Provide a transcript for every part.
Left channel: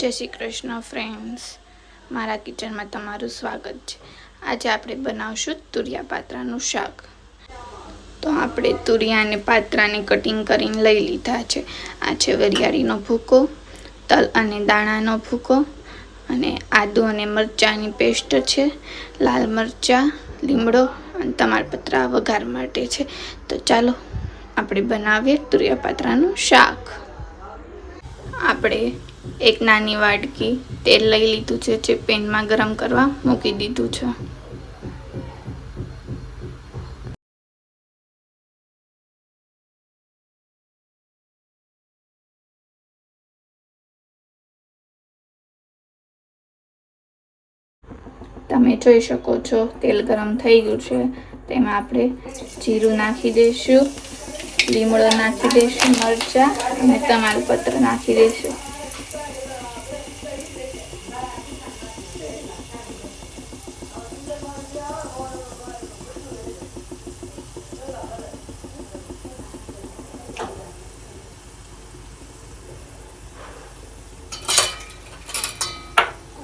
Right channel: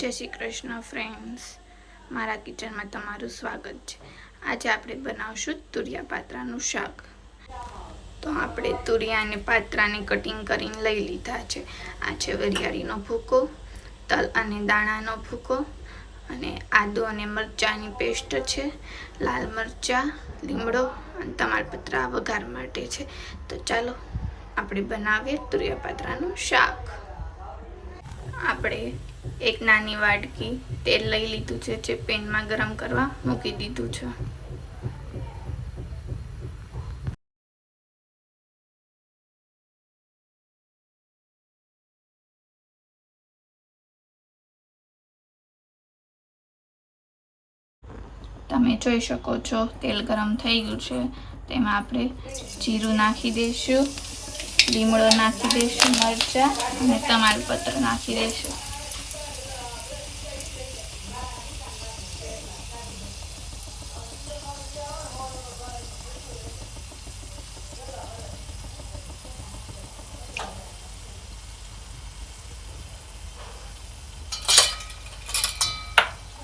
જય શ્રી કૃષ્ણ ફ્રેન્ડ્સ, મારા કિચનમાં તમારું સ્વાગત છે। આજે આપણે બનાવશું તુરિયા પાત્રાનું શાક। તો આપણે તુરિયા અને પાત્રાને કટિંગ કરીને લઈ લીધા છે। આ છે વરિયાળીનો ભૂકો, તલ અને દાણાનો ભૂકો અને આદુ અને મરચાંની પેસ્ટ છે, લાલ મરચાં, લીમડો અને તમાલપત્રા વઘાર માટે છે। તો ચાલો આપણે બનાવીએ તુરિયા પાત્રાનું શાક। આપણે એક નાની વાટકી તેલ લઈ લીધું છે, જે પેનમાં ગરમ કરવા મૂકી દીધું છે। તમે જોઈ શકો છો તેલ ગરમ થઈ ગયું છે। તેમાં આપણે જીરું નાખી દઈશું, લીમડો નાખી દઈશું, મરચાં અને તમાલપત્ર નાખી દઈશું।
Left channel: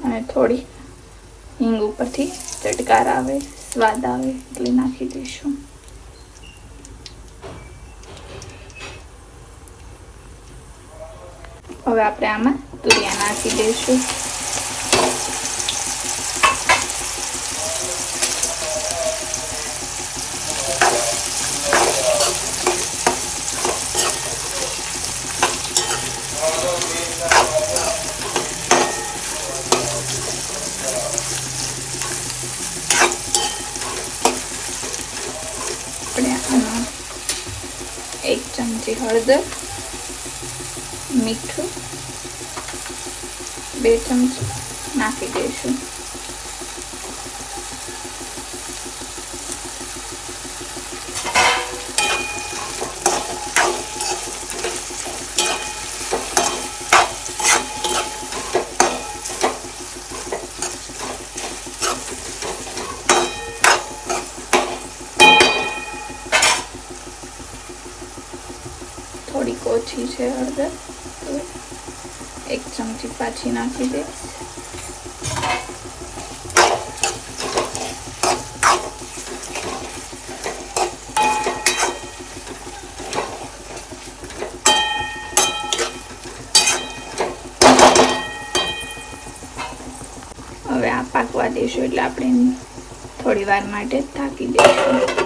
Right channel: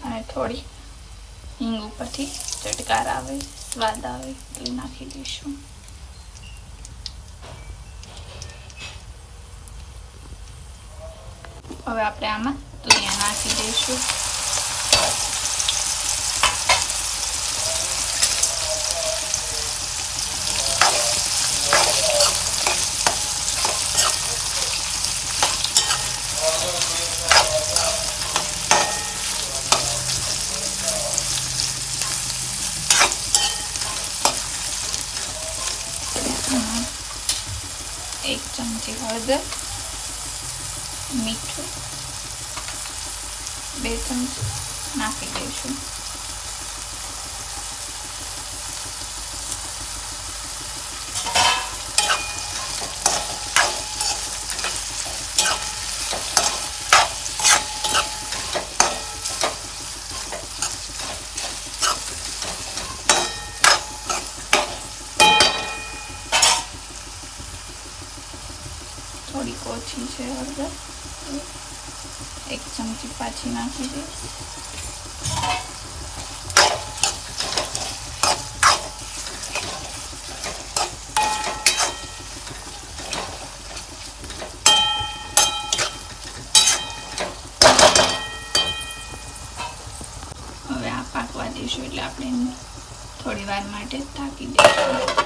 અને થોડી હિંગ ઉપરથી ચટકાર આવે, સ્વાદ આવે એટલે નાખી દઈશું। હવે આપણે આમાં તુરિયા નાખી દઈશું। આપણે આમાં 1 ચમચી હળદર, મીઠું 2 ચમચી નાખી દઈશું। થોડીક ઓછી છે હળદર, તો 1 ચમચી પાછી નાખી દઈશ। હવે આ પાકવા દઈશું એટલે આપણે થોડી વાર માટે ઢાંકી દઈશું।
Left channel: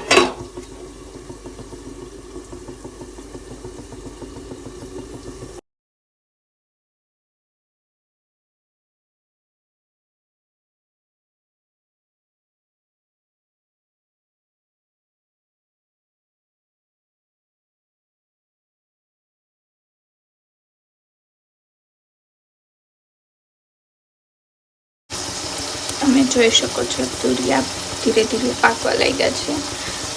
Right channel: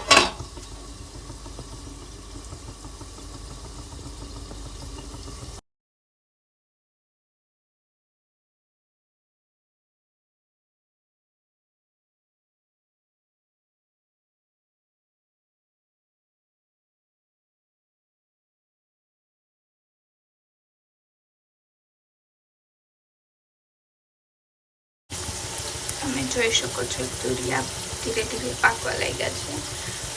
તમે જોઈ શકો છો તુરિયા ધીરે ધીરે પાકવા લાગ્યા છે।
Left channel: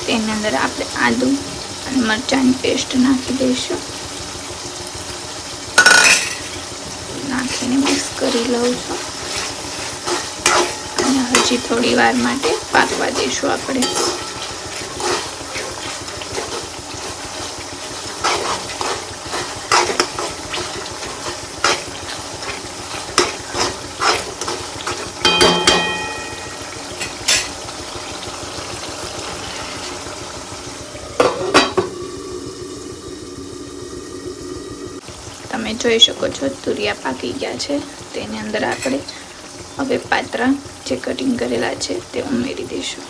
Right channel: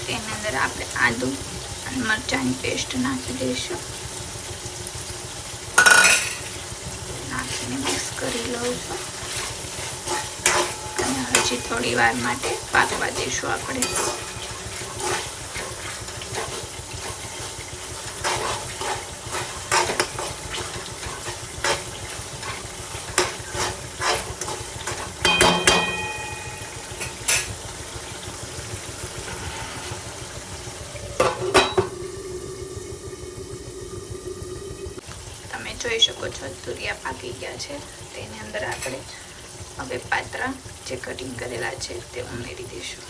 તેની અંદર આપણે આદુ અને મરચાંની પેસ્ટ નાખી દઈશું। નાખીને મિક્સ કરી લઉં છું અને હજી થોડી વાર માટે પાકવા દઈશું આપણે। તમે જોઈ શકો છો તુરિયા પાકી ગયા છે। તેની અંદર આપણે હવે પાત્રા જે કટિંગ કરેલા છે તે ઉમેરી દઈશું।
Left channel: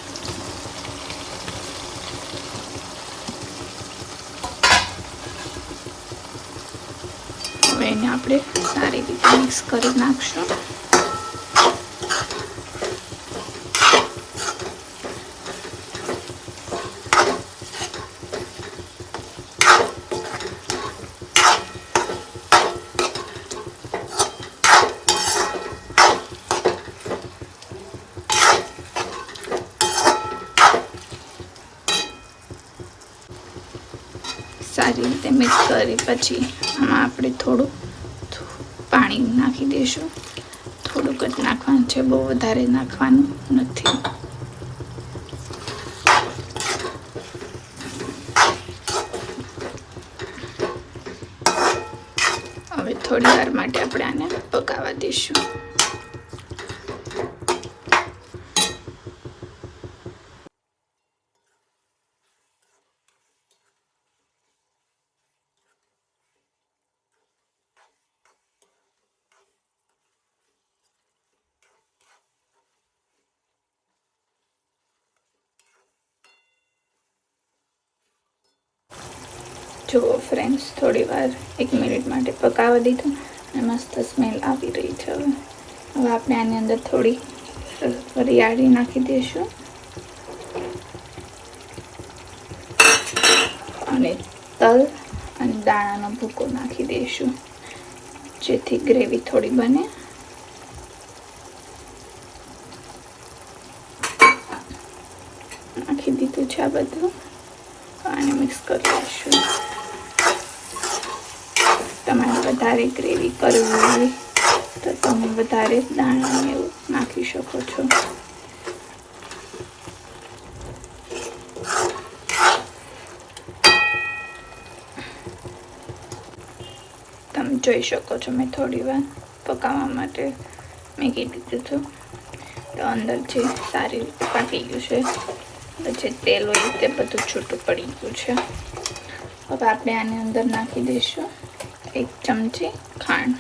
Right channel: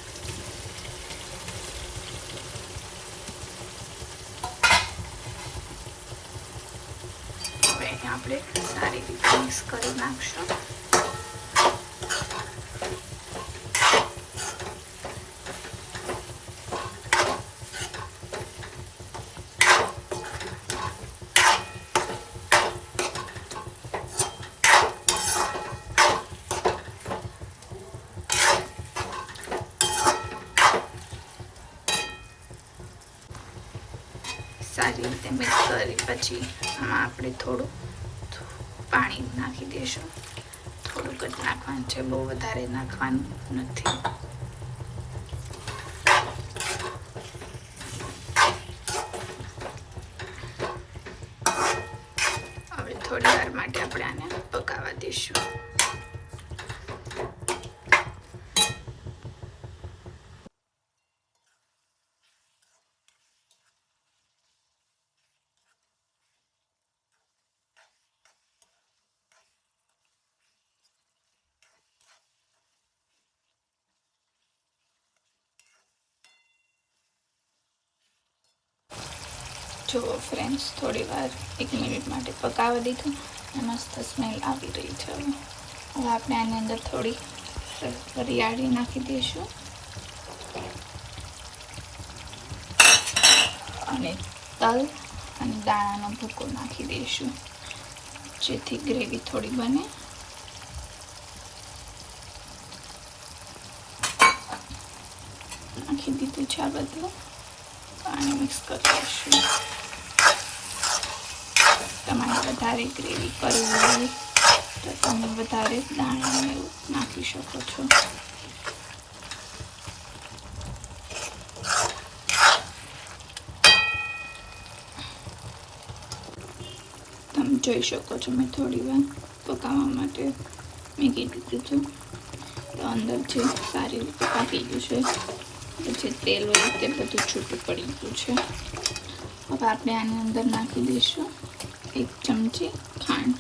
હવે એને આપણે સારી રીતે મિક્સ કરી નાખશું। સારી રીતે મિક્સ કરી પછી આમાં આપણે થોડું પાણી નાખી દઈશું। થોડુંક જ નાખવાનું છે, બહુ વધારે નાખવાનું નથી। હવે થોડી વાર માટે આપણે આને પકાવવા થવા દઈશું. જુઓ ફ્રેન્ડ્સ, થોડી વાર 1 મિનિટ માટે પકાવવા દીધું અને મસ્ત સ્મેલ આવી રહી છે. હવે આપણે આની અંદર થોડી વરિયાળી નાખી દઈશું અને તલ અને દાણાનો ભૂકો નાખી દઈશું, જેથી ગ્રેવી થોડી બને. નાખી દીધું છે આ બધું અને મિક્સ કરી દઈશું. તમારે વધારે ગ્રેવી કરવી હોય તો તમે વધારે દાણા એવું નાખી શકો છો. તમે જોઈ શકો છો, મેં થોડી વાર પકાવવા માટે મૂકી દીધું હતું, તો અંદર જે સારી રીતે પાકી ગયું છે, જે તેલ હોય તે બધું છૂટું પડી ગયું છે. હવે આપણે આની અંદર નાખી દઈશું 1 ચમચી ખાંડ.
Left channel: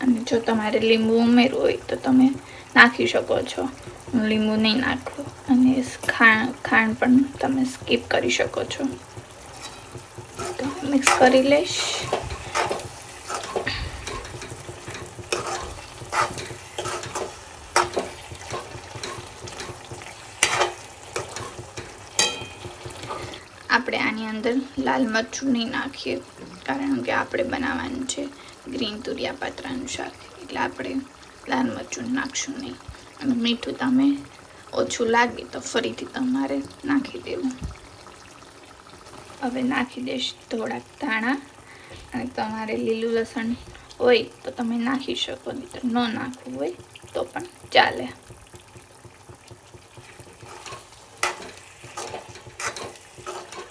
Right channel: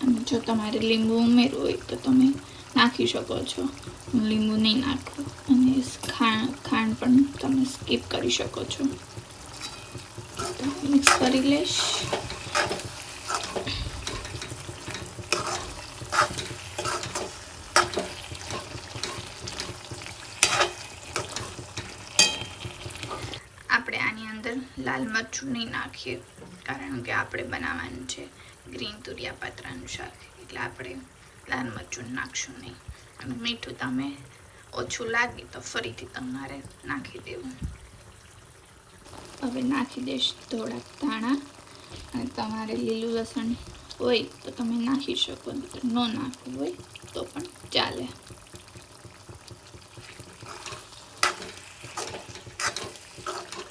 અને જો તમારે લીંબુ ઉમેરવું હોય તો તમે નાખી શકો છો. હું લીંબુ નહીં નાખું અને ખાંડ પણ તમે સ્કીપ કરી શકો છો. તો મિક્સ કરી લઈશ. આપણે આની અંદર લાલ મરચું નહીં નાખીએ, કારણ કે આપણે બનાવવાનું છે ગ્રીન તુરિયા પાત્રાનું શાક, એટલે આપણે લાલ મરચું નાખશું નહીં. અને મીઠું તમે ઓછું લાગે તો ફરીથી તમારે નાખી દેવું. હવે નાખી દઈશ થોડાક ધાણા, અને તમારે લીલું લસણ હોય તો તમે નાખી શકો, નહીં ન નાખવું હોય તો પણ ચાલે.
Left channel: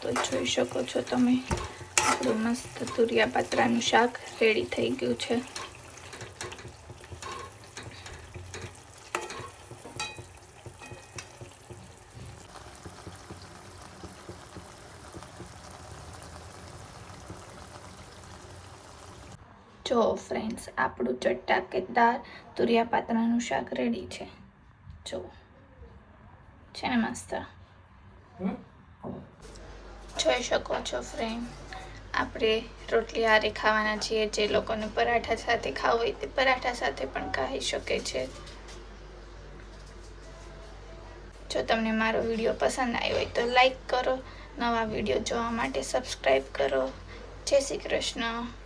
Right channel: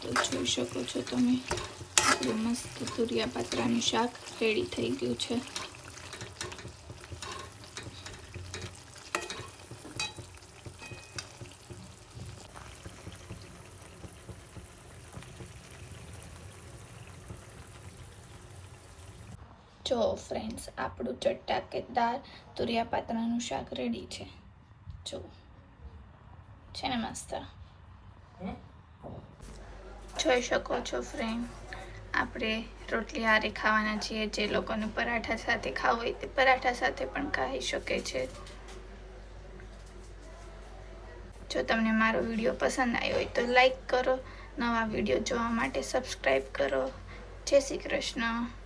તો જોઈ શકો છો તમે, આપણું મસ્ત તુરિયા પાત્રાનું શાક રેડી થઈ ગયું છે. જો ફ્રેન્ડ્સ, આપણું ચટાકેદાર તુરિયા પાત્રાનું શાક રેડી છે. જો છે ને મસ્ત. જોઈ શકો છો ફ્રેન્ડ, આપણે રોટલી હારે ખાવાના છીએ. જે લોકોને પરાઠા સાથે ખાવું હોય તે પરાઠા સાથે પણ ખાઈ શકે છે. જો તમને મારો વિડીયો પસંદ આવ્યો હોય તો લાઈક કરો, નવા વિડીયો જોવા માટે સબસ્ક્રાઈબ કરો. જય શ્રી કૃષ્ણ.